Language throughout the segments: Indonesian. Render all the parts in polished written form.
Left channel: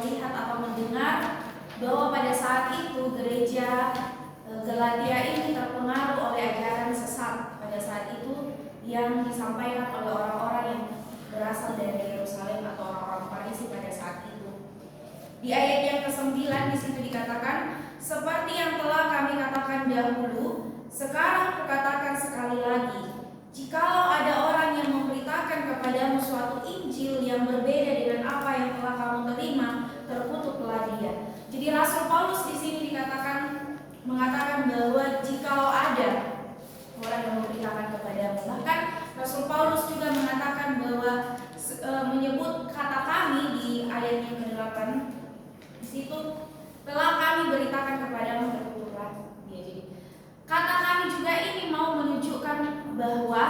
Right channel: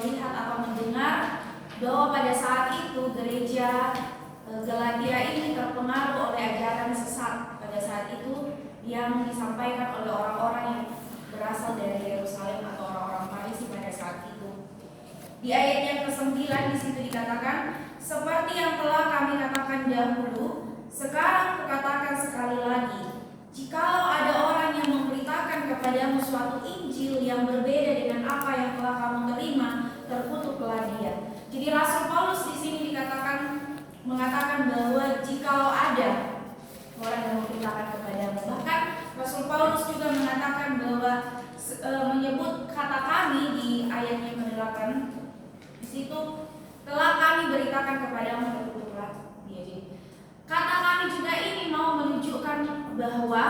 melihat atau mendengar bahwa pada saat itu gereja Galatia ini terpengaruh oleh ajaran sesat pada saat itu yang disampaikan oleh orang-orang yang berasal dari Yerusalem atau orang-orang Farisi pada saat itu. Di ayat yang ke-9 di situ dikatakan, seperti yang telah kami katakan dahulu, sekarang kukatakan sekali lagi, jikalau ada orang yang memberitakan kepadamu suatu Injil yang berbeda dengan apa yang telah kamu terima, terkutuklah dia. Jadi Rasul Paulus di sini mengatakan bahwa jikalau ada orang yang memberitakan kepadamu, bahkan Rasul Paulus juga mengatakan bahwa menyebut kata kami di ayat yang ke-8 di situ, telah kami beritakan kepadamu, terkutuklah dia. Jadi kata kami juga ini mau menunjukkan bahwa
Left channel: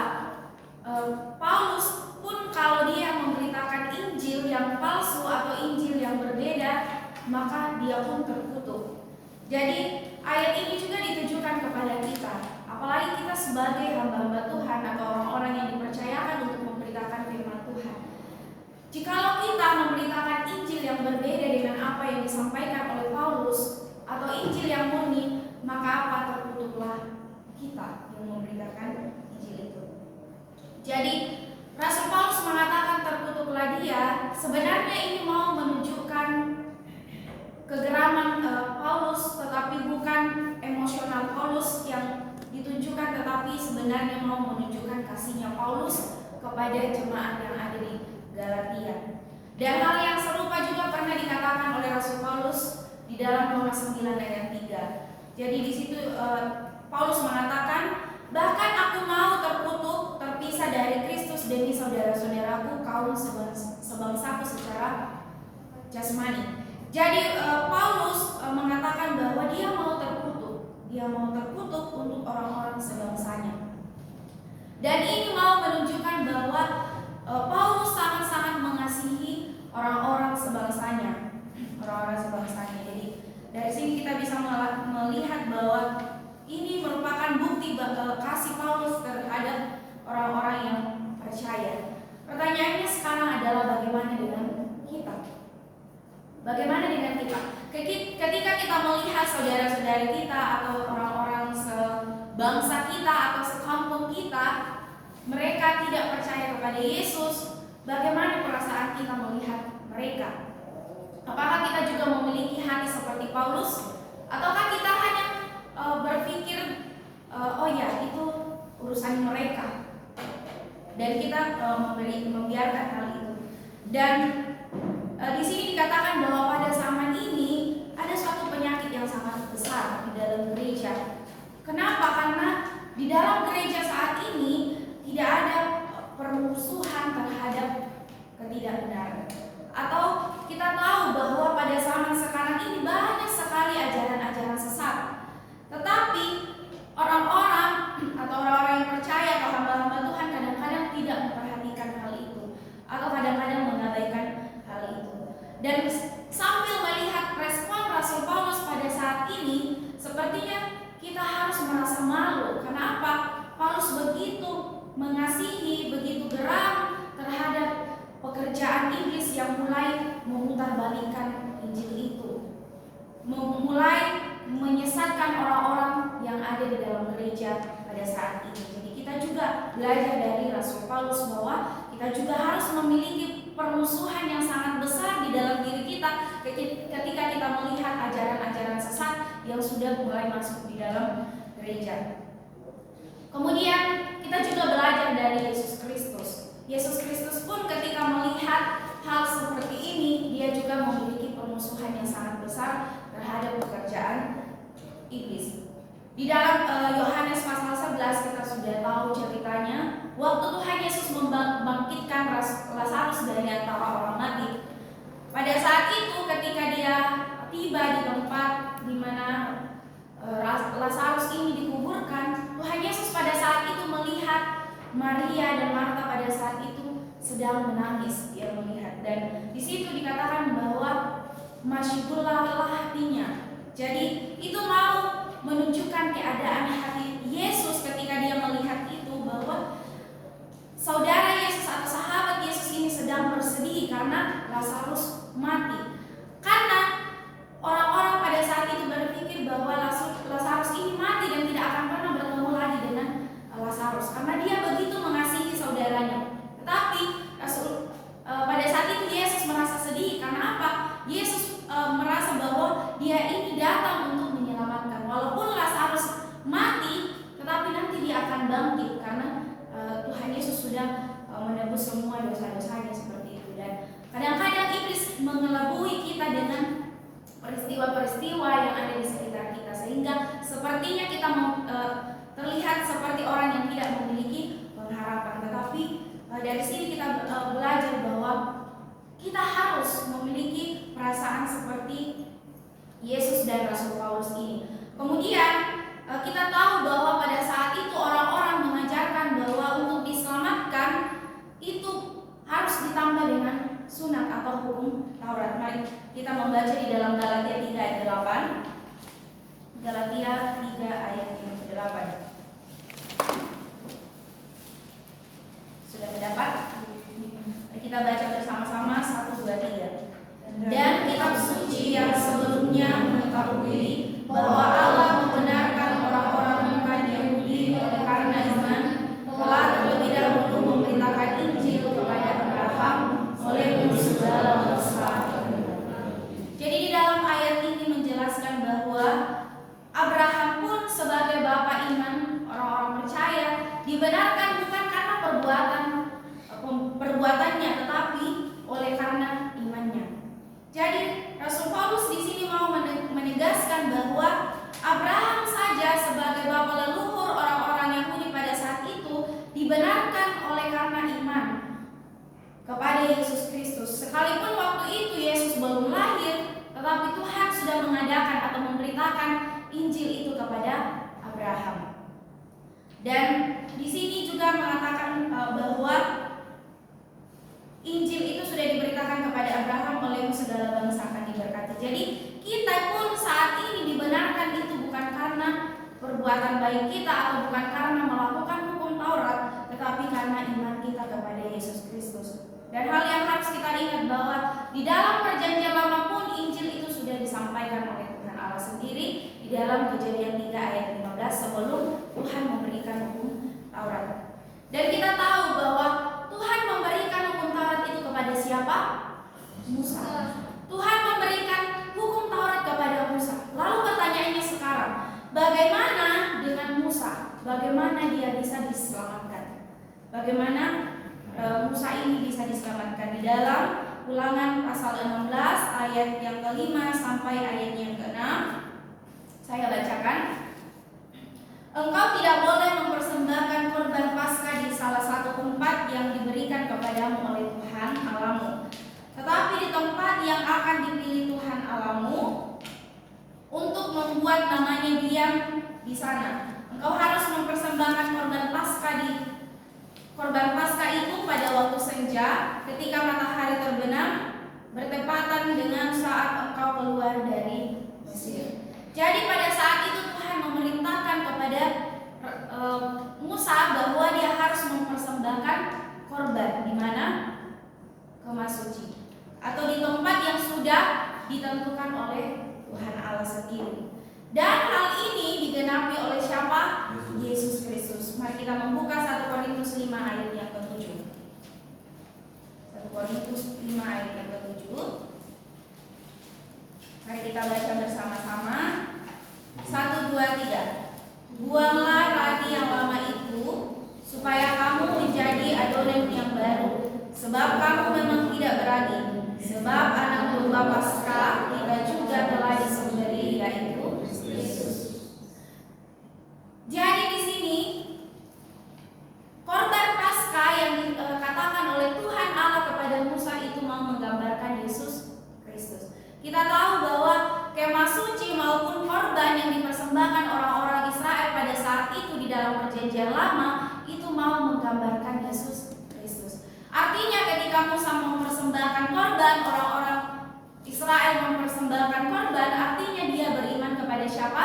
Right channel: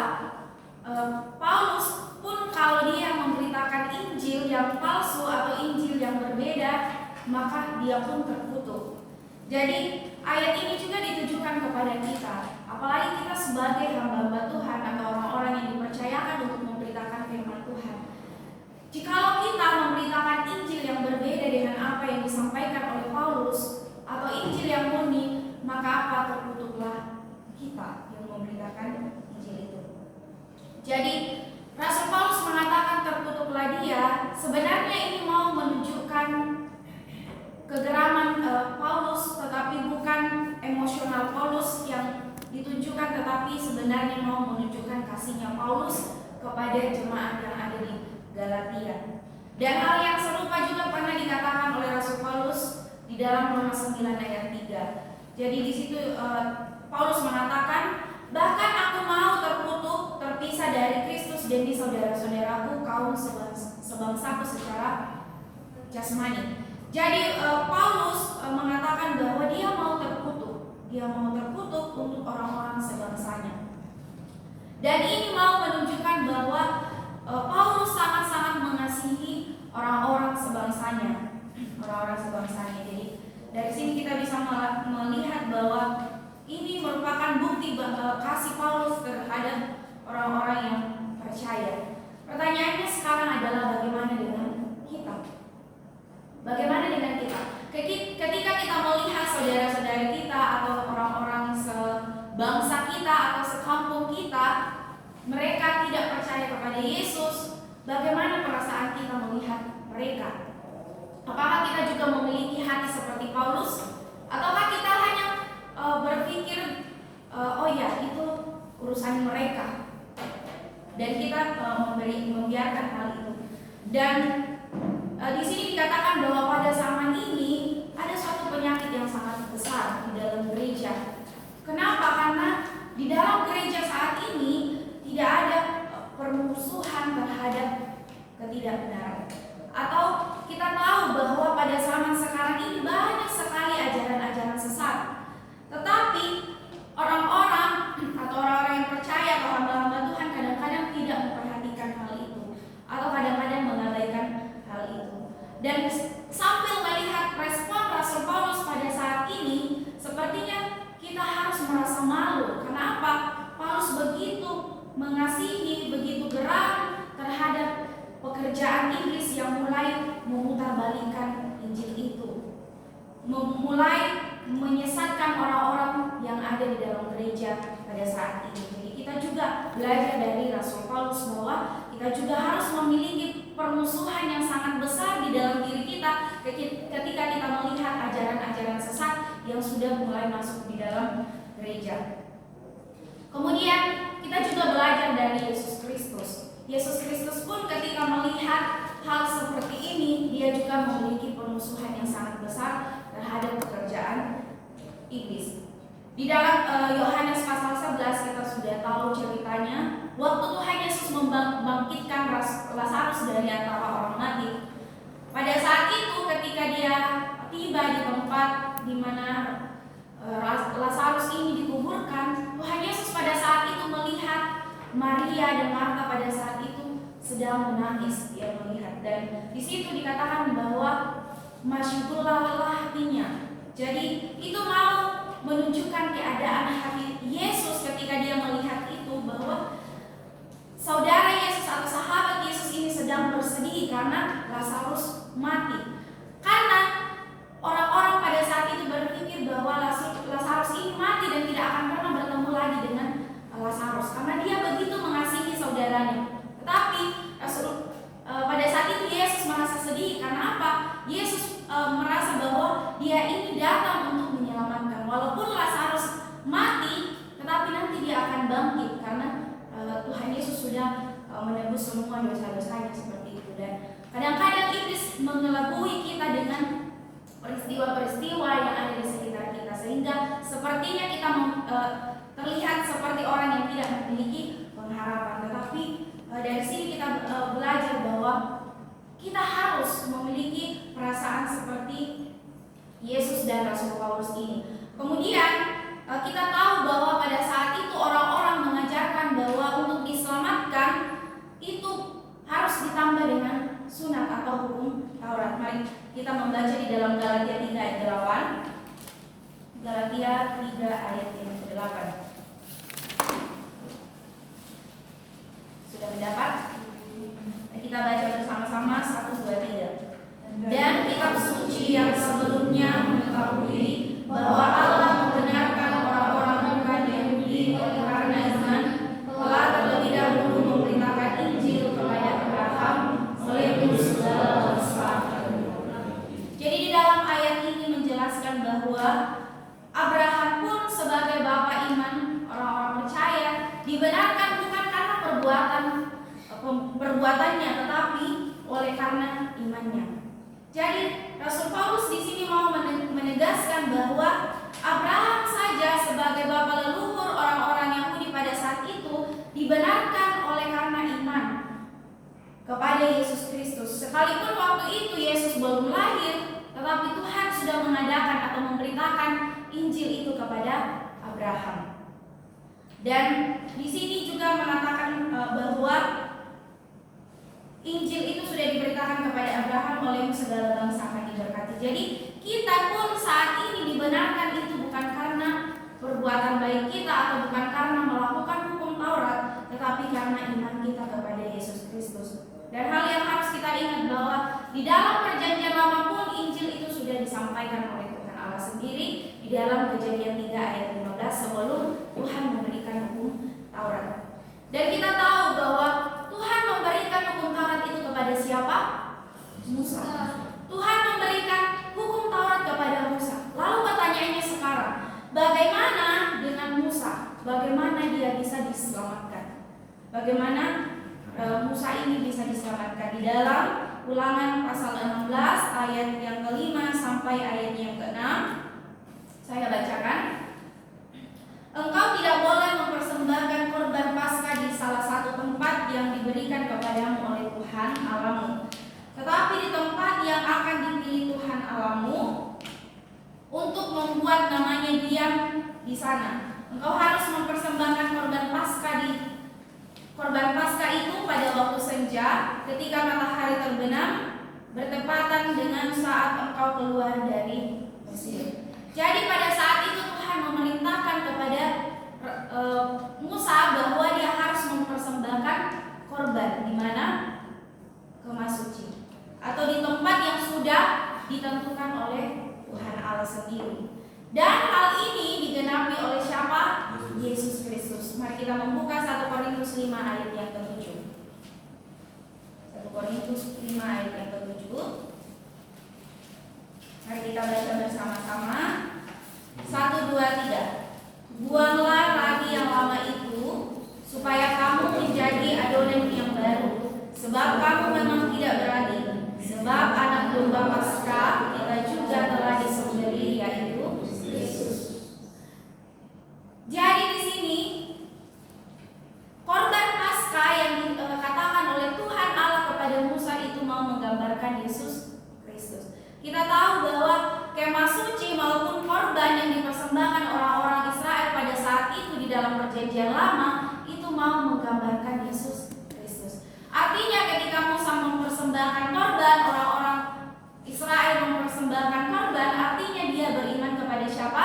Paulus pun kalau dia memberitakan Injil yang palsu atau Injil yang berbeda, maka dia pun terkutuk. Jadi ayat ini juga ditujukan kepada kita, apalagi kita sebagai hamba-hamba Tuhan atau orang-orang yang dipercayakan untuk memberitakan firman Tuhan. Jikalau kita memberitakan Injil yang berbeda dengan apa yang disampaikan oleh Paulus atau Injil yang murni, maka apa? Terkutuklah kita yang memberitakan Injil itu. Jadi Rasul Paulus mengatakan terkutuklah dia, sebenarnya ini mau menunjukkan kegeraman Paulus, tetapi bukan emosional Paulus yang ditunjukkan, tetapi sebenarnya mau menunjukkan kasihnya Paulus kepada jemaat yang ada di Galatia. Dan hal yang serupa juga pernah dikatakan oleh Rasul Paulus di dalam Roma 9 ayat 3. Jadi di situ Paulus mengatakan, bahkan aku mau terkutuk, terpisah dari Kristus demi saudara-saudaraku kaum sebangsaku secara jasmani. Jadi Paulus mengatakan bahwa dia mau terkutuk untuk orang-orang sebangsanya. Dan ini mau menunjukkan bahwa Paulus sangat-sangat mengasihi orang-orang sebangsanya. Jadi dari sini kita bisa melihat bahwa ini merupakan bukti kasih Paulus terhadap orang-orang yang percaya. Pertanyaannya sekarang adalah bagaimana dengan kita? Bagaimana dengan kita? Ketika kita melihat saudara-saudari kita atau orang-orang sebangsa kita atau sekampung kita, mereka tidak percaya kepada Yesus, bagaimana perasaan kita melihat mereka? Apakah kita juga memiliki hati seperti Paulus? Ataukah kita hanya berpikir, oh ya itu urusan mereka, dan kita membiarkan hal itu? Dan di sini dikatakan bahwa pada zaman ini ada suatu penyakit yang sangat besar di dalam gereja. Kenapa? Karena di dalam gereja saat ini tidak ada permusuhan terhadap ketidakbenaran. Atau kita tahu bahwa pada zaman sekarang ini banyak sekali ajaran-ajaran sesat. Tetapi orang-orang atau orang-orang yang percaya atau hamba-hamba Tuhan kadang-kadang tidak memperhatikan hal itu, atau kadang-kadang mengabaikan hal itu. Dan sambil melihat respon Rasul Paulus pada saat ini, sepertinya kita harus merasa malu. Kenapa? Paulus begitu mengasihi, begitu geram terhadap pekerjaan iblis yang mulai memutarbalikkan Injil itu, mulai menyesatkan orang-orang yang ada di dalam gereja pada saat ini. Jadi kita juga belajar dari Rasul Paulus bahwa kita juga harus memiliki permusuhan yang sangat besar di dalam diri kita ketika kita melihat ajaran-ajaran sesat yang sudah mulai masuk di dalam gereja. Kemudian kita juga belajar dari Yesus Kristus. Yesus Kristus pun ketika melihat hal seperti ini, dia juga memiliki permusuhan yang sangat besar terhadap pekerjaan iblis. Di dalam Yohanes pasal 11 kita sudah tahu ceritanya. Waktu Tuhan Yesus membangkitkan Lazarus dari antara orang mati. Pada saat itu ketika dia tiba di tempat di mana Lazarus ini dikuburkan, Tuhan Yesus pada saat itu melihat Maria dan Marta pada saat itu sedang menangis. Dia melihat, dan di situ dikatakan bahwa masyhurlah hatinya. Jadi itu mau menunjukkan keadaan hati Yesus ketika dia melihat itu, bahwa saudara Yesus atau sahabat Yesus ini sedang bersedih karena Lazarus mati. bangkit karena Tuhan Yesus sudah menebus semua dosa-dosanya seperti itu. Dan kadang-kadang iblis mengelabui kita dengan peristiwa-peristiwa yang ada di sekitar kita, sehingga sepertinya kita terlihat seperti orang yang tidak memiliki pengharapan. Tetapi dari sini kita belajar bahwa kita harus memiliki perasaan seperti Yesus dan Rasul Paulus ini. Kemudian kita tahu bahwa pada saat itu orang-orang mengajarkan bahwa untuk diselamatkan itu harus ditambah dengan sunat atau hukum Taurat. Mari kita membaca di dalam Galatia 3 ayat 8. Galatia 3 ayat 8. Sudah mendapat? Kita baca bersama-sama 1, 2, 3. Dan kitab suci yang sebelumnya mengetahui bahwa Allah membenarkan orang-orang bukan Yahudi oleh karena iman, telah terlebih dahulu memberitakan Injil kepada Abraham oleh segala bangsa. Jadi di dalam ayat ini menjelaskan bahwa Abraham pun sebagai bapa iman, orang-orang percaya, dibenarkan bukan karena perbuatannya, tetapi oleh karena imannya. Jadi Rasul Paulus di sini mau menegaskan bahwa Abraham saja sebagai bapa leluhur orang-orang Yahudi pada saat itu dibenarkan oleh karena iman kepada Yesus Kristus. Sekalipun waktu itu Yesus belum lahir, tetapi Tuhan sudah mengadakan atau memberitakan Injil itu kepada Abraham. Dan di sini juga mengatakan bahwa Injil itu sudah diberitakan kepada Abraham oleh segala bangsa akan diberkati. Jadi kita pun saat ini dibenarkan itu bukan karena perbuatan baik kita atau bukan karena melakukan hukum Taurat, tetapi karena iman kita kepada Yesus Kristus. Dan hal yang harus kita ingat bahwa di dalam perjanjian lama pun Injil itu sudah disampaikan oleh Tuhan Allah sendiri di dalam Kejadian 3 ayat 15 sebelum Tuhan memberikan hukum Taurat. Dan kita tahu bahwa Tuhan memberikan hukum Taurat itu kepada siapa? Musa. Tuhan memberikan hukum Taurat kepada Musa. Lalu pertanyaannya sekarang, bagaimana dengan Musa? Bagaimana dia bisa diselamatkan? Bagaimana Musa ini bisa diselamatkan? Di dalam Ulangan pasal 16 ayat yang ke-5 sampai ayat yang ke-6, saya bacakan. Engkau tidak boleh mempersembahkan korban Paskah di salah satu tempat yang diberikan kepadamu oleh Tuhan Allahmu, tetapi di tempat yang akan dipilih Tuhan Allahmu untuk membuat namanya diam di sana. Engkau harus mempersembahkan korban Paskah itu pada waktu senja ketika matahari terbenam bertepatan dengan saat engkau keluar dari Mesir. Jadi pada saat itu Tuhan memerintahkan kepada Musa bahwa dia harus mempersembahkan korban di mana? Kemah suci atau di tempat yang sudah ditentukan oleh Tuhan Allah sendiri. Dan hal ini digenapi oleh siapa? Yesus Kristus. Mari kita membuka 1 Korintus 5 ayat yang ke-7. 1 Korintus 5 ayat yang ke-7. Mari kita baca bersama-sama. 1, 2, 3. Buanglah ragi yang lama itu, supaya kamu menjadi adonan yang baru. Sebab kamu memang tidak berani. Sebab anak domba Paskah kita juga telah disembelih, yaitu Yesus. Jadi di sini korban Paskah yang dikatakan oleh Tuhan Allah kepada Musa itu mau menggambarkan Yesus Kristus. Kita tahu bahwa kemah suci maupun korban yang dipersembahkan orang-orang Israel pada saat itu di dalam perjanjian lama itu mau menggambarkan Yesus Kristus. Artinya ketika Musa mempersembahkan korban, orang-orang Israel mempersembahkan korban, artinya dia beriman kepada siapa?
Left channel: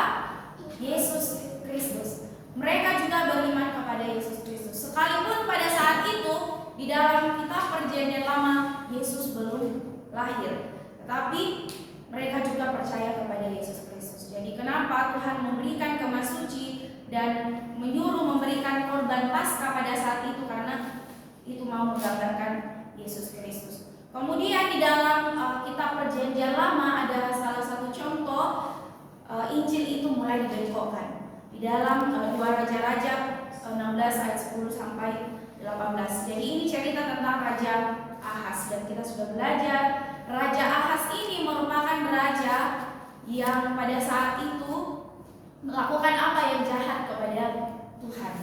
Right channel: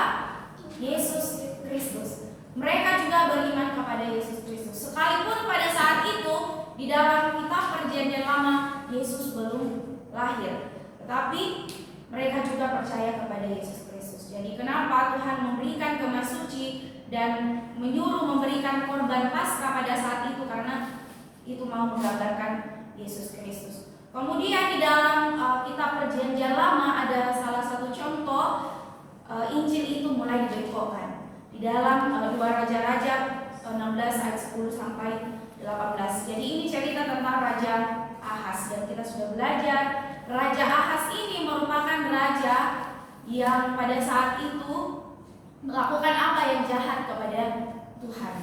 Yesus Kristus. Mereka juga beriman kepada Yesus Kristus. Sekalipun pada saat itu di dalam kitab perjanjian lama Yesus belum lahir, tetapi mereka juga percaya kepada Yesus Kristus. Jadi kenapa Tuhan memberikan kemah suci dan menyuruh memberikan korban Paskah pada saat itu? Karena itu mau menggambarkan Yesus Kristus. Kemudian di dalam kitab perjanjian lama ada salah satu contoh Injil itu mulai dibengkokkan. Di dalam 2 Raja-Raja 16 ayat 10 sampai 18. Jadi ini cerita tentang Raja Ahaz, dan kita sudah belajar Raja Ahaz ini merupakan raja yang pada saat itu melakukan apa yang jahat kepada Tuhan,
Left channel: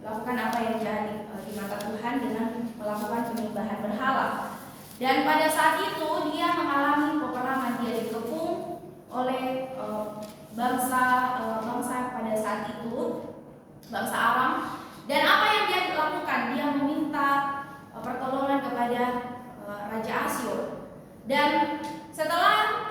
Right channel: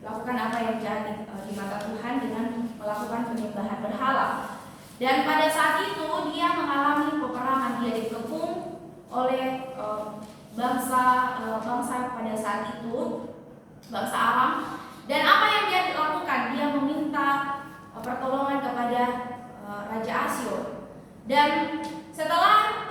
melakukan apa yang jahat di mata Tuhan dengan melakukan penyembahan berhala. Dan pada saat itu dia mengalami peperangan, dia dikepung oleh bangsa pada saat itu, bangsa Aram. Dan apa yang dia lakukan? Dia meminta pertolongan kepada Raja Asyur. Dan setelah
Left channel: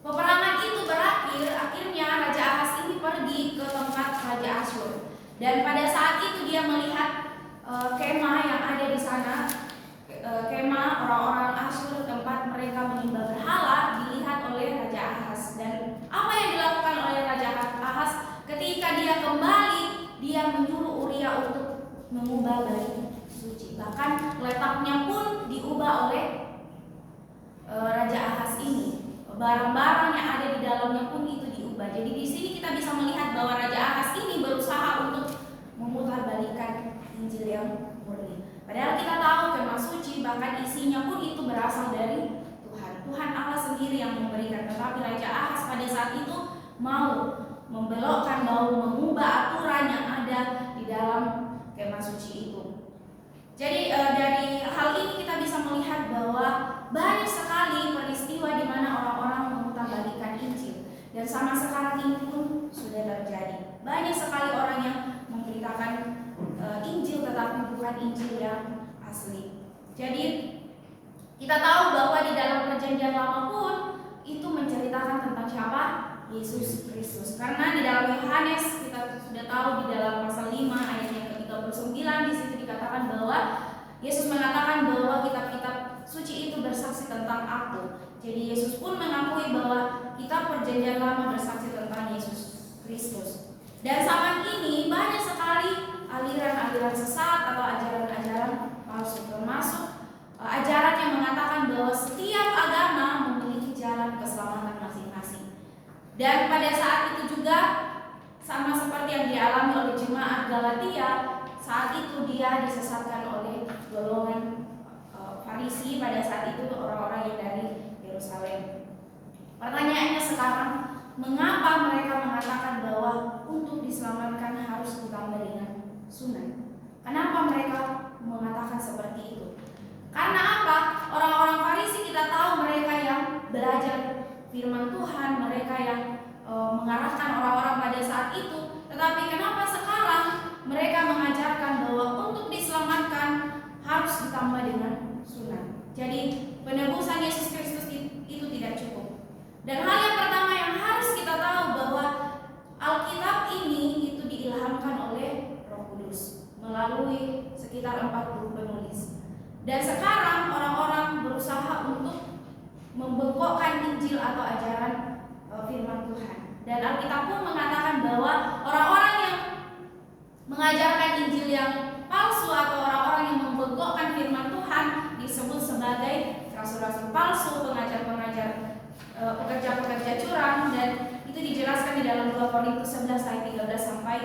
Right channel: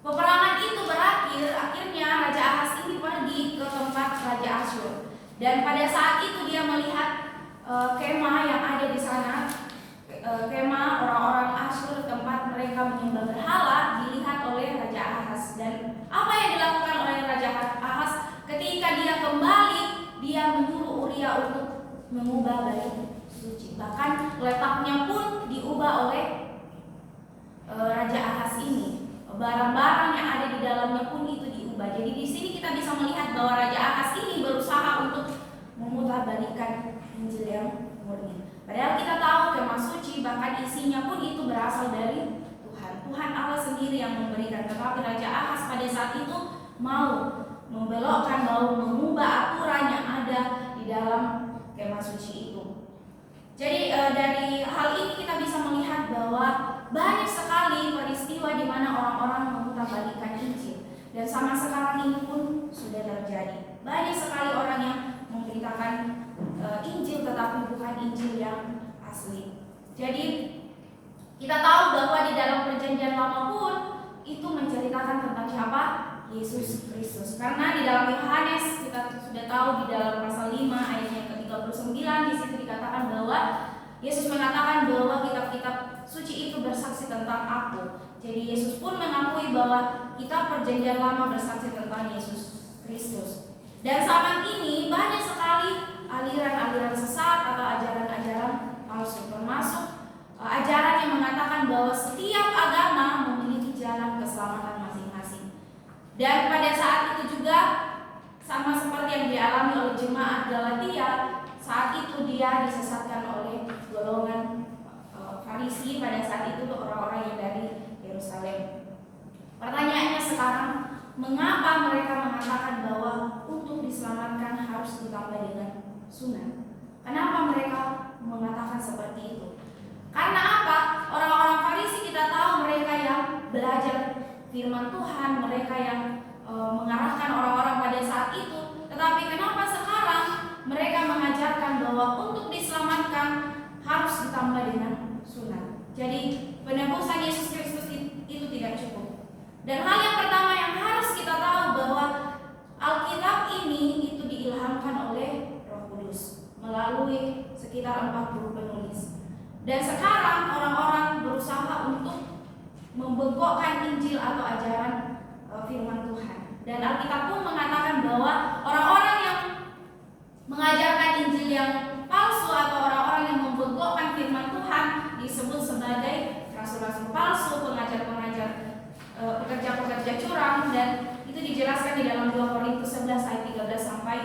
peperangan itu berakhir, akhirnya Raja Ahaz ini pergi ke tempat Raja Asyur. Dan pada saat itu dia melihat kemah yang ada di sana, kemah orang-orang Asyur, tempat mereka menyembah berhala, dilihat oleh Raja Ahaz. Dan apa yang dilakukan oleh Raja Ahaz? Ketika dia kembali, dia menyuruh Uria untuk mengubah bait suci. Bahkan letaknya pun diubah oleh Raja Ahaz ini. Barang-barang yang ada di dalamnya pun itu diubah. Jadi di sini kita bisa melihat bahwa Raja Ahaz ini berusaha untuk memutarbalikkan Injil yang murni. Padahal kita tahu kemah suci bahkan isinya pun itu berasal dari Tuhan. Tuhan Allah sendiri yang memberikan. Tetapi Raja Ahaz pada saat itu mau membelokkan, mau mengubah aturan yang ada di dalam kemah suci itu. Jadi dari hal ini kita bisa melihat bahwa banyak sekali peristiwa di mana orang-orang memutarbalikkan Injil, dan sama sekarang ini pun sudah terjadi. Banyak sekali orang yang memberitakan Injil tetapi bukan Injil yang asli. Jadi kita tahu bahwa di dalam Perjanjian Lama pun itu menceritakan tentang siapa? Yesus Kristus. Karena di dalam Yohanes kita sudah tahu di dalam pasal 5 ayat yang ke-39 di situ dikatakan bahwa Yesus mengatakan bahwa kitab-kitab suci itu bersaksi tentang aku. Jadi Yesus pun mengakui bahwa kitab Perjanjian Lama bersaksi tentang Yesus Kristus. Dan zaman ini banyak sekali aliran-aliran sesat atau ajaran-ajaran palsu, termasuk ajaran yang mengatakan bahwa setiap agama memiliki jalan keselamatan masing-masing. Dan pada saat itu juga sama seperti yang dialami oleh jemaat Galatia, saat itu dia disesatkan oleh golongan Farisi pada saat itu, orang-orang yang dari Yerusalem. Pertanyaannya sekarang, mengapa mereka mengatakan bahwa untuk diselamatkan harus ditambah dengan sunat? Kenapa mereka mengatakan seperti itu? Karena apa? Orang-orang Farisi kita tahu mereka yang belajar firman Tuhan, mereka yang mengarahkan orang-orang pada saat itu. Tetapi kenapa sekarang mereka mengajarkan bahwa untuk diselamatkan harus ditambah dengan sunat? Jadi penebusan Yesus Kristus itu tidak cukup. Dan hal yang pertama yang harus kita tahu bahwa Alkitab ini itu diilhamkan oleh Roh Kudus melalui sekitar 40 penulis. Dan sekarang orang-orang berusaha untuk membengkokkan Injil atau ajaran firman Tuhan. Dan Alkitab pun mengatakan bahwa orang-orang yang mengajarkan Injil yang palsu atau orang-orang yang membengkokkan firman Tuhan disebut sebagai rasul-rasul palsu, pengajar-pengajar, pekerja-pekerja curang, dan itu dijelaskan di dalam 2 Korintus 11 ayat 13 sampai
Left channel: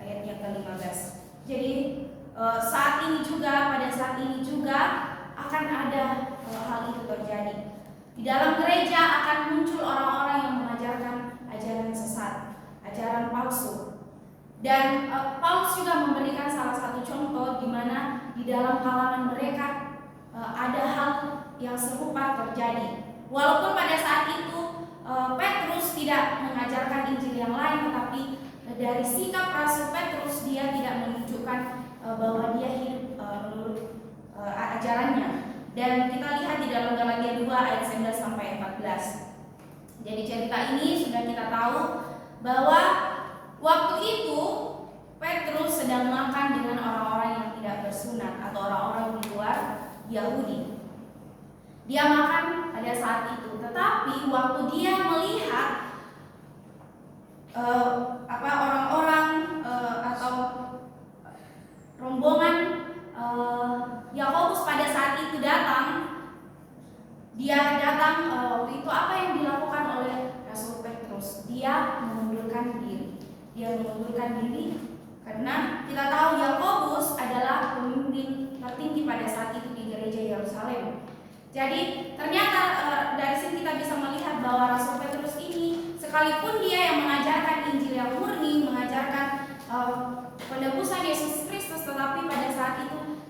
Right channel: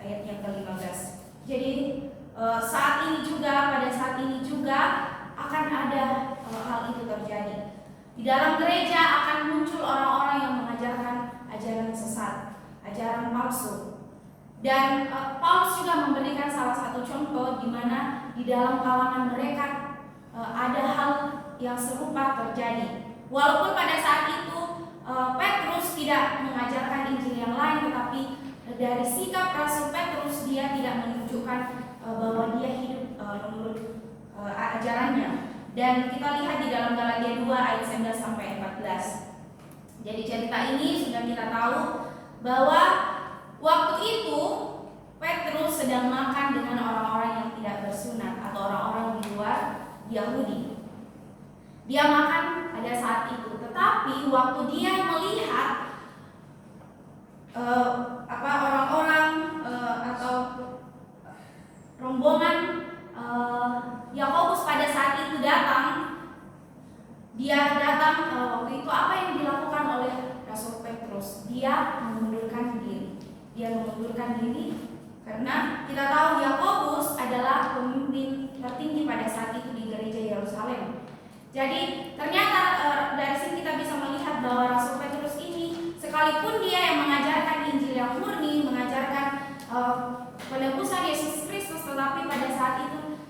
ayat yang ke-15. Jadi pada saat ini juga akan ada hal itu terjadi. Di dalam gereja akan muncul orang-orang yang mengajarkan ajaran sesat, ajaran palsu. Dan Paulus juga memberikan salah satu contoh di mana di dalam kalangan mereka ada hal yang serupa terjadi. Walaupun pada saat itu Petrus tidak mengajarkan Injil yang lain, tetapi dari sikap Rasul Petrus dia tidak menunjukkan bahwa dia hidup menurut ajarannya. Dan kita lihat di dalam Galatia 2 ayat 9 sampai 14. Jadi cerita ini sudah kita tahu bahwa waktu itu Petrus sedang makan dengan orang-orang yang tidak bersunat atau orang-orang di luar Yahudi. Dia makan pada saat itu, tetapi waktu dia melihat orang-orang atau rombongan Yakobus pada saat itu datang, dia datang waktu itu apa yang dilakukan oleh Rasul Petrus? Dia mengundurkan diri. Karena kita tahu Yakobus adalah pemimpin tertinggi pada saat itu di gereja Yerusalem. Jadi ternyata dari sini kita bisa melihat bahwa Rasul Petrus ini, sekalipun dia yang mengajarkan Injil yang murni, mengajarkan penebusan Yesus Kristus, tetapi pada saat itu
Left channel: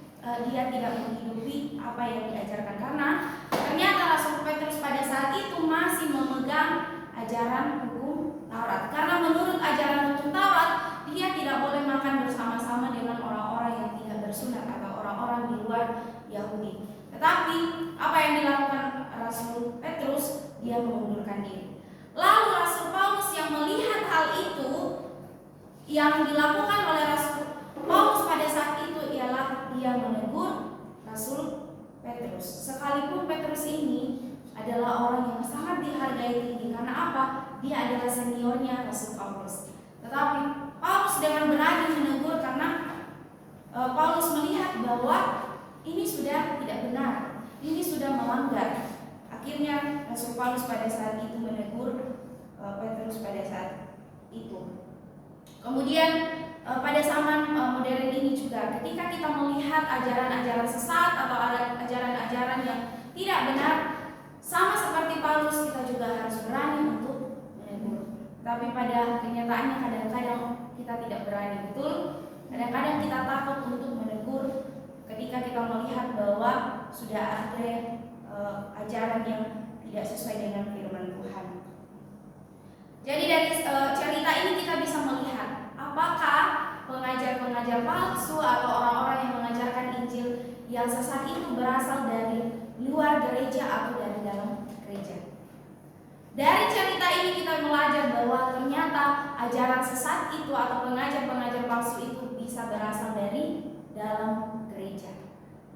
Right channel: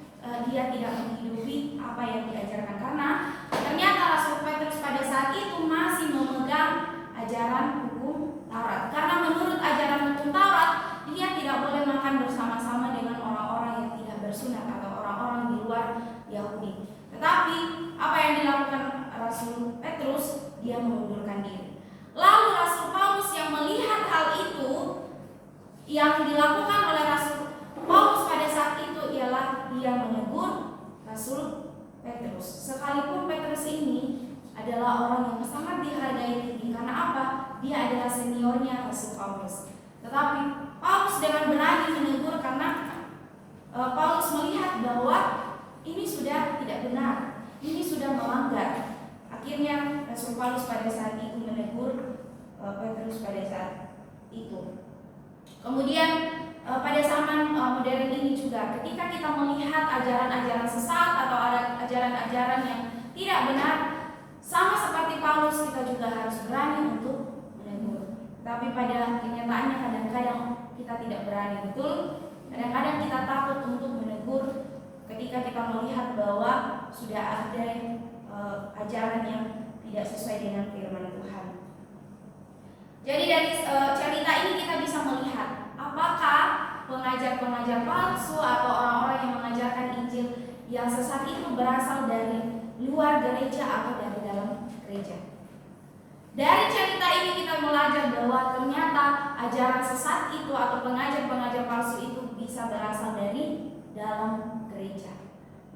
dia tidak menghidupi apa yang diajarkan. Karena ternyata Rasul Petrus pada saat itu masih memegang ajaran hukum Taurat. Karena menurut ajaran hukum Taurat, dia tidak boleh makan bersama-sama dengan orang-orang yang tidak bersunat atau orang-orang di luar Yahudi. Tetapi apa yang dilakukan Rasul Petrus, dia mengundurkan diri. Lalu Rasul Paulus yang melihat hal itu, yang dilakukan oleh Rasul Paulus pada saat itu ialah dia menegur Rasul Petrus. Sekalipun Petrus ini adalah orang yang sangat dihargai tinggi. Karena apa? Dia adalah seniornya Rasul Paulus. Tetapi Paulus dengan berani menegur karena Paulus melihat bahwa ini sudah tidak benar, ini sudah melanggar. Akhirnya Rasul Paulus pada saat itu menegur Petrus pada saat itu. Kemudian pada zaman modern ini juga, ketika kita melihat ajaran-ajaran sesat atau ajaran-ajaran yang tidak benar, sama seperti Paulus, kita juga harus berani untuk menegur. Tapi pada kenyataannya kadang-kadang kita tidak berani, betul? Kadang-kadang kita takut untuk menegur ketika kita melihat bahwa sudah ada ajaran yang tidak sesuai dengan firman Tuhan. Jadi dari cerita ini kita bisa melihat apakah pengajar-pengajar palsu atau orang-orang yang mengajarkan Injil yang sesat itu berasal dari luar gereja atau dari dalam gereja. Dari cerita ini kita belajar bahwa ternyata ajaran sesat itu atau pengajar-pengajar palsu itu bisa berasal dari dalam gereja,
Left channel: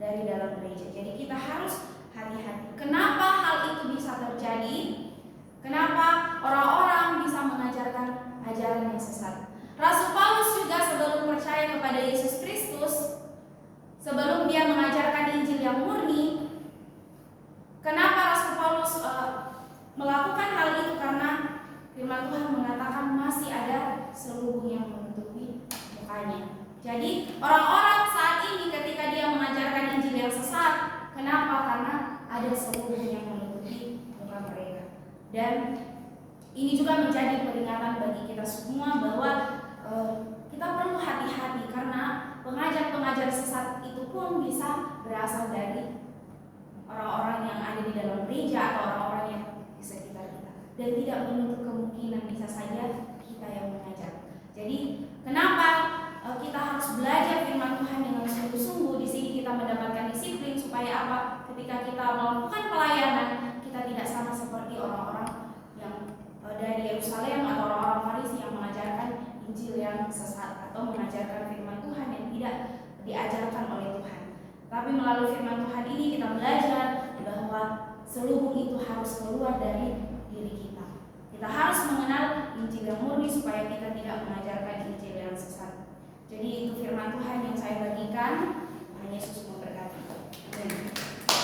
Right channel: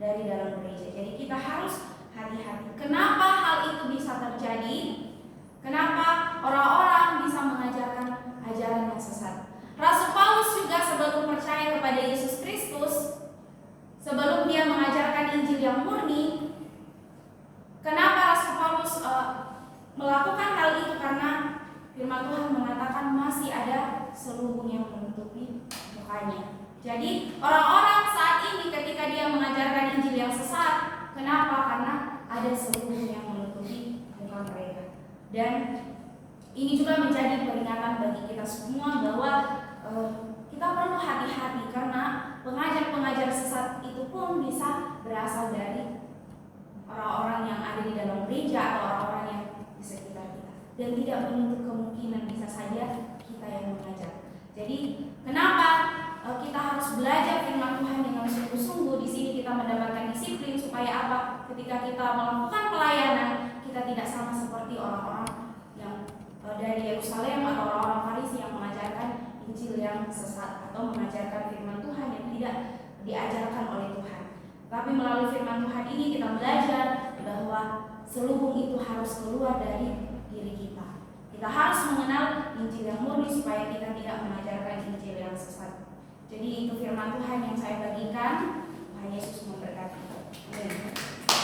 dari dalam gereja. Jadi kita harus hati-hati. Kenapa hal itu bisa terjadi? Kenapa orang-orang bisa mengajarkan ajaran yang sesat? Rasul Paulus juga sebelum percaya kepada Yesus Kristus, sebelum dia mengajarkan Injil yang murni, kenapa Rasul Paulus melakukan hal itu? Karena firman Tuhan mengatakan masih ada selubung yang menutupi mukanya. Jadi orang-orang saat ini ketika dia mengajarkan Injil yang sesat, kenapa? Karena ada selubung yang menutupi muka mereka. Dan ini juga menjadi peringatan bagi kita semua bahwa kita perlu hati-hati, karena pengajar-pengajar sesat itu pun bisa berasal dari orang-orang yang ada di dalam gereja atau orang-orang yang di sekitar kita, dan tidak menutup kemungkinan bisa saja kita yang mengajar. Jadi kenapa kita harus belajar firman Tuhan dengan sungguh-sungguh? Di sini kita mendapatkan disiplin supaya apa? Ketika kita melakukan pelayanan, kita tidak sama seperti orang-orang yang dari Yerusalem atau orang-orang Farisi yang mengajarkan Injil yang sesat atau mengajarkan firman Tuhan yang tidak diajarkan oleh Tuhan. Tapi melalui firman Tuhan ini kita belajar bahwa selubung itu harus keluar dari diri kita. Kita harus mengenal Injil yang murni supaya kita tidak mengajarkan Injil yang sesat. Jadi itu firman Tuhan yang saya bagikan. Tuhan Yesus memberkati. Amin.